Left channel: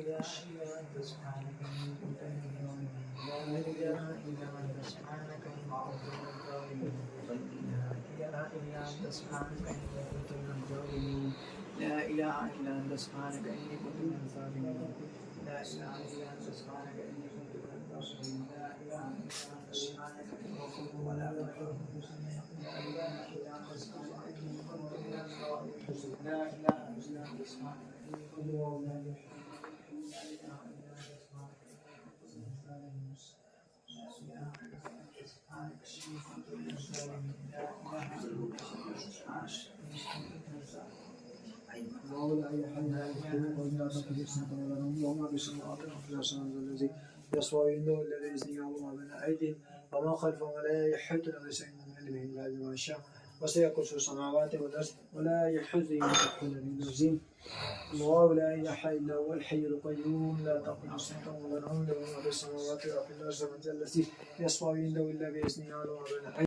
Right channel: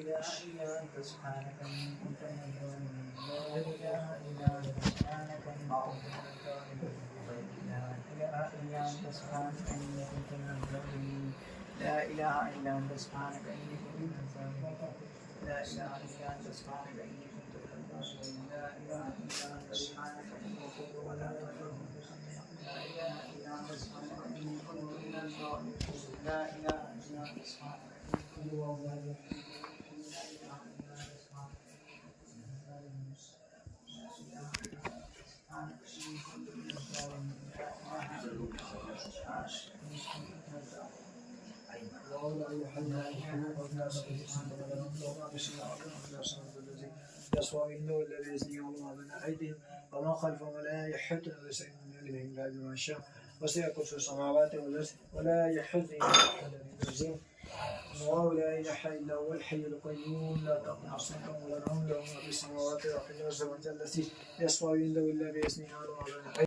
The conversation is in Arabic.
إله إلا أنت سبحانك إني كنت من الظالمين. لا إله إلا أنت سبحانك إني كنت من الظالمين. لا إله إلا أنت سبحانك إني كنت من الظالمين. لا إله إلا أنت سبحانك إني كنت من الظالمين. لا إله إلا أنت سبحانك إني كنت من الظالمين. لا إله إلا أنت سبحانك إني كنت من الظالمين. لا إله إلا أنت سبحانك إني كنت من الظالمين. لا إله إلا أنت سبحانك إني كنت من الظالمين. الذي يسوى عنده والذي يزني الله بين أيديهم وما خلفهم ولا يحيطون بشيء من علمه إلا بما شاء وسع كرسي السماوات والأرض ولا يحوزه أحد بنفسه الله لا إله إلا هو الحي القيوم لا تأخذه سنة ولا نوم له ما في السماوات وما في الأرض الذي يسوى عنده إلا بإذنه